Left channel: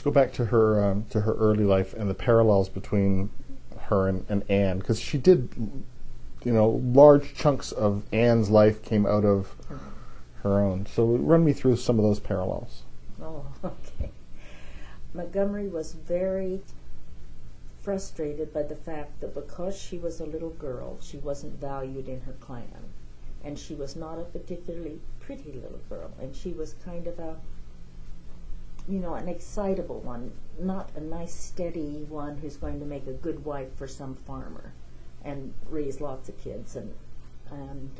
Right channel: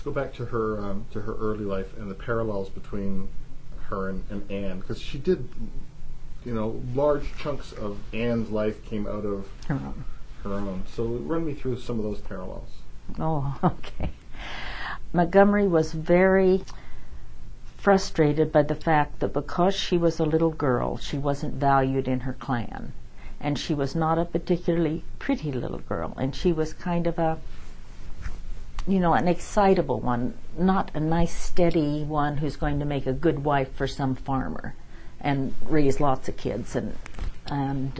let's go back to her early life and the parallels between her and Anne, because she did, large chunks of Anne's life came out of her own. So run me through some of those parallels. Oh, okay. Montgomery was very frustrated by the fact that because she was a little girl, she wasn't valued in her clan. And she was not a particularly pretty little girl. And she was kind of an excitable one, not a nice, steady one who's going to make a good wife for some farmer and raise lots of kids. And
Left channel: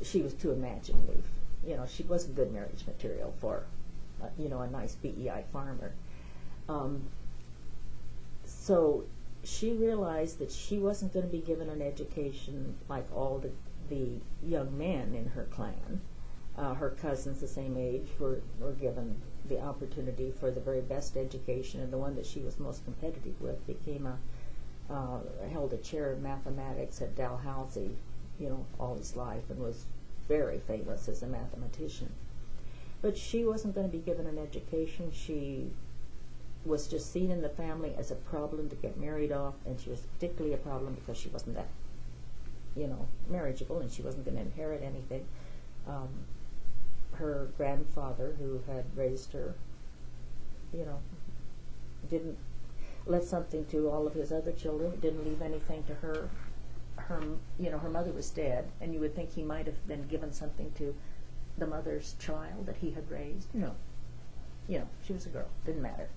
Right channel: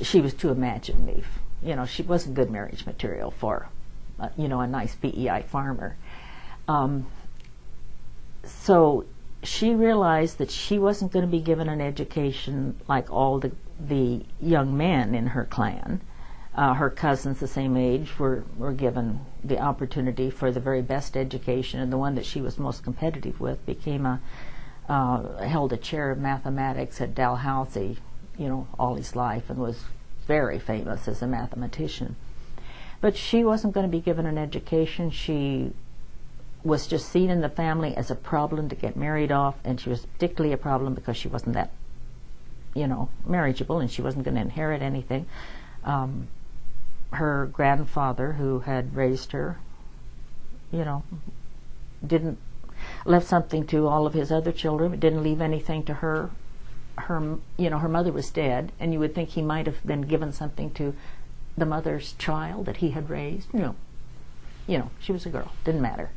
she was too imaginative. She wasn't good marriage material for, a nice PEI farmer. So she realized that she wasn't going to be given an education like all the young men in her clan. Her cousins the same age were given the opportunity for the very best education, and the one that she was most competitive with held a chair of mathematics at Dalhousie, all his life, and was very famous as a mathematician. But she wasn't going to be given an education. She was just seen in the family as a problem to get married off, and she was particularly a problem because she wasn't that, marriageable, and she wasn't going to inherit anything. Her grandfather, who had raised her, left something to all of his other children, but didn't leave anything to her. Her mother was dead, and you would think he might have been given something to the mother's child that he had raised. No. She was a girl. Didn't matter.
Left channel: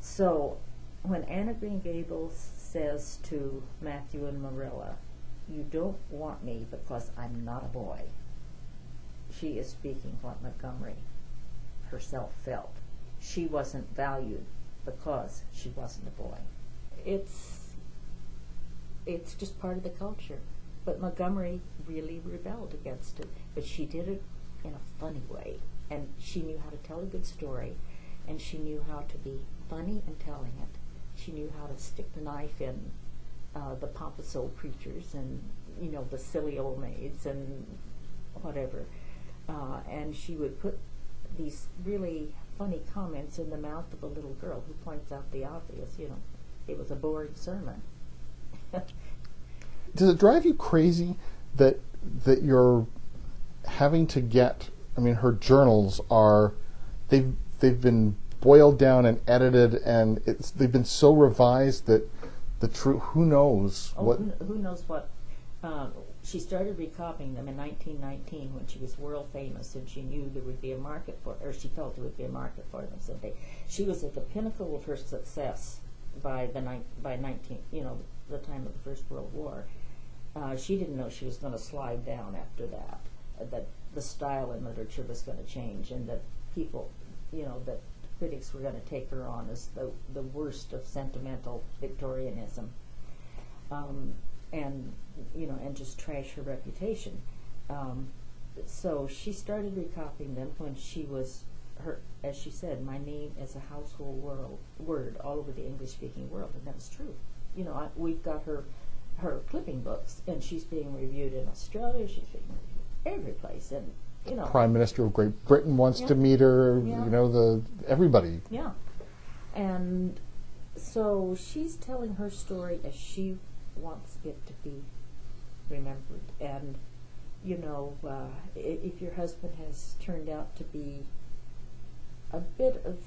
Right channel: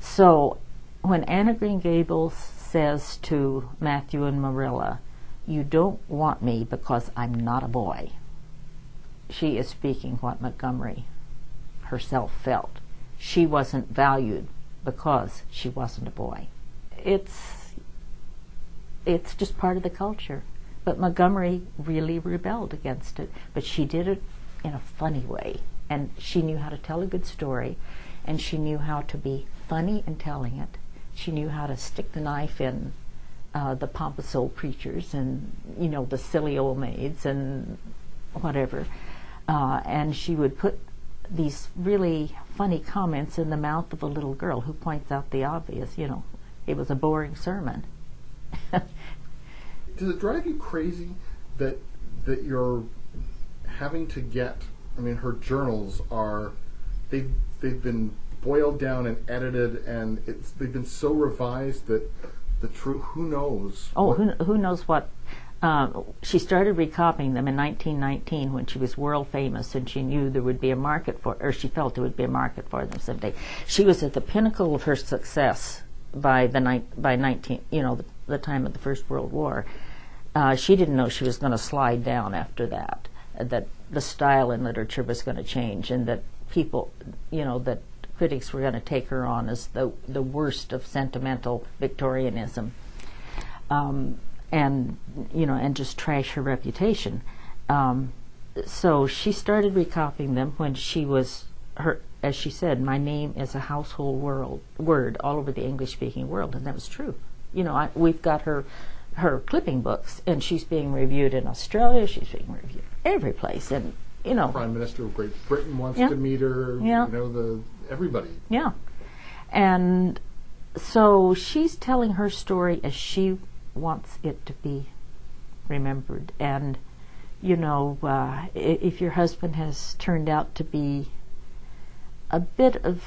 So when Anne of Green Gables says to Matthew and Marilla, "You don't want me because I'm not a boy," she is speaking what Montgomery herself felt. She wasn't valued because she wasn't a boy. It's just part of the culture. But Montgomery really rebelled against it. But she did it in a funny way. And she knew how to tell a good story. And she knew how to be funny in telling it. She knew how to stick the knife in the pompous old preachers and, the silly old maids and whatever. And she would put these really funny comments in the mouth of a little girl who points out the obvious. It was a boring sermon. Does it drive you crazy that you're having to get? I mean, her journals they've been boiled down and edited, and they've been so revised that the truth. Who knows? Oh, who knows what? She started recopying them in 1919 when she was world famous, and she knew there would be a market for, or she felt there would be a market for them someday. She was at the pinnacle of her success by the time of the First World War. She didn't know she was going to slide down after that. That the style in literature was going to change, and that people, that critics were going to take her on as the worst of sentimental Victorianism. And just trash her reputation. So she started recopying them when she was as she said, my name is a household word all over the English-speaking world, and that was true. We've got her clipping books, and she's being reviewed in Australia. She's being reviewed every place, and Prime Minister of Great Britain wants to meet her. Yeah. Everybody. Yeah, and so she's telling her story as she wants it to be remembered. And if your husband has turned out to be a bit of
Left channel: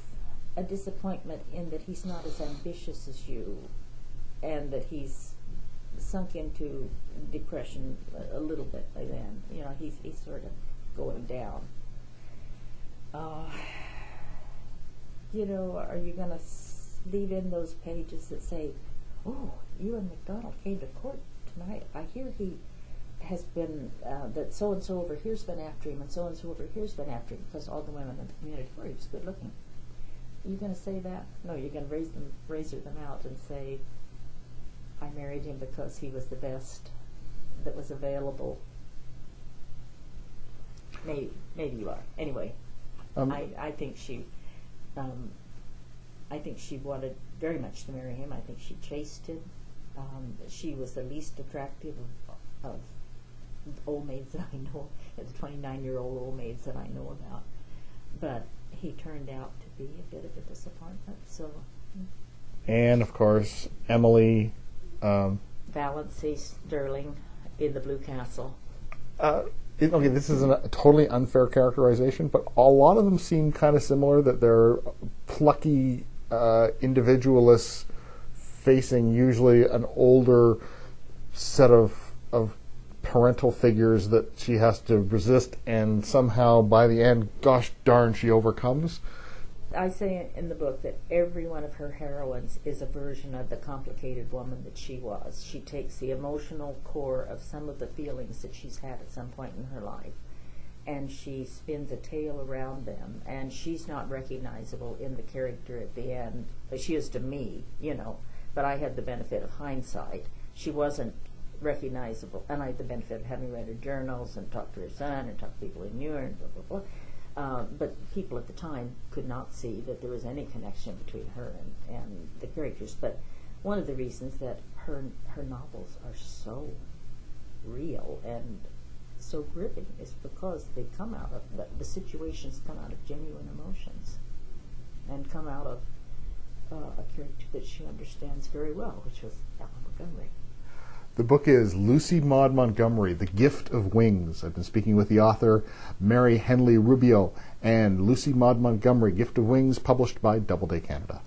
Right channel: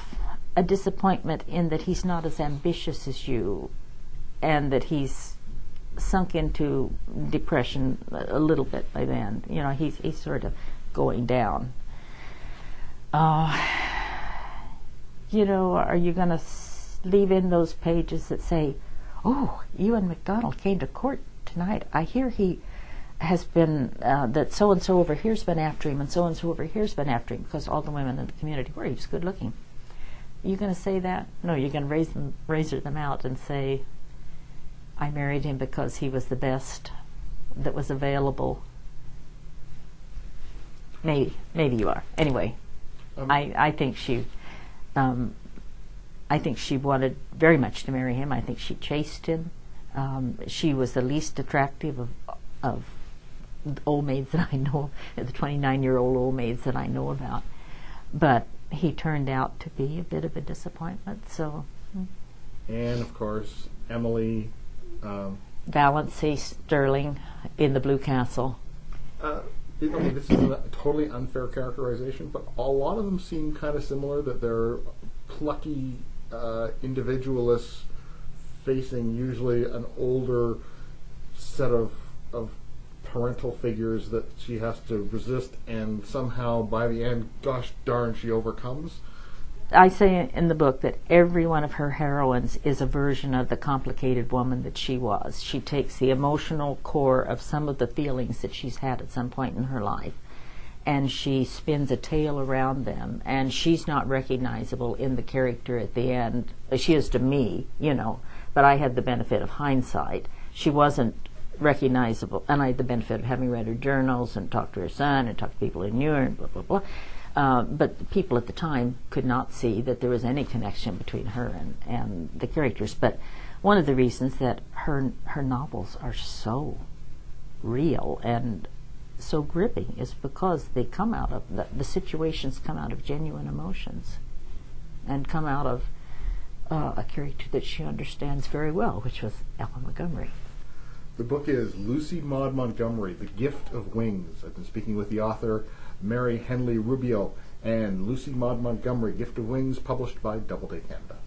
a disappointment in that he's not as ambitious as you, and that he's sunk into depression a little bit by then, he's sort of going down, are you going to leave in those pages that say, "Oh, Ewan MacDonald came to court tonight. I hear he has been, that so-and-so over here's been after him, and so-and-so over here's been after him," because all the women in the community were, he was good looking. Are you going to say that? No, you're going to razor them out and say, "I married him because he was the best that was available." Maybe you are. Anyway, I think she wanted very much to marry him. I think she chased him. She was the least attractive of the old maids that I know, the 29-year-old old maids that I know about. But he turned out to be a bit of a disappointment. So, And of course, Emily. Valancy Sterling in The Blue Castle. Okay, this is a totally unfair characterization, but a lot of them seem kind of similar. That they're plucky individualists facing usually an older set of parental figures that she has to resist, and somehow by the end, gosh darn, she overcomes. I say in the book that every one of her heroines is a version of the complicated woman that she was. She takes the emotional core of some of the feelings that she's had at some point in her life, and she spins a tale around them, and she's not recognizable in the character at the end. She is to me, but I had the benefit of hindsight. She wasn't recognizable, and I had the benefit of having read her journals and talked to her son and talked to people who knew her and blah, blah, blah. But people at the time could not see that there was any connection between her and the characters. But one of the reasons that her novels are so real and so gripping is because they come out of, the situations come out of genuine emotions and come out of a character that she understands very well, which was Ellen Montgomery. The book is Lucy Maud Montgomery, The Gift of Wings. I've been speaking with the author, Mary Henley Rubio, and Lucy Maud Montgomery, Gift of Wings, published by Doubleday Canada.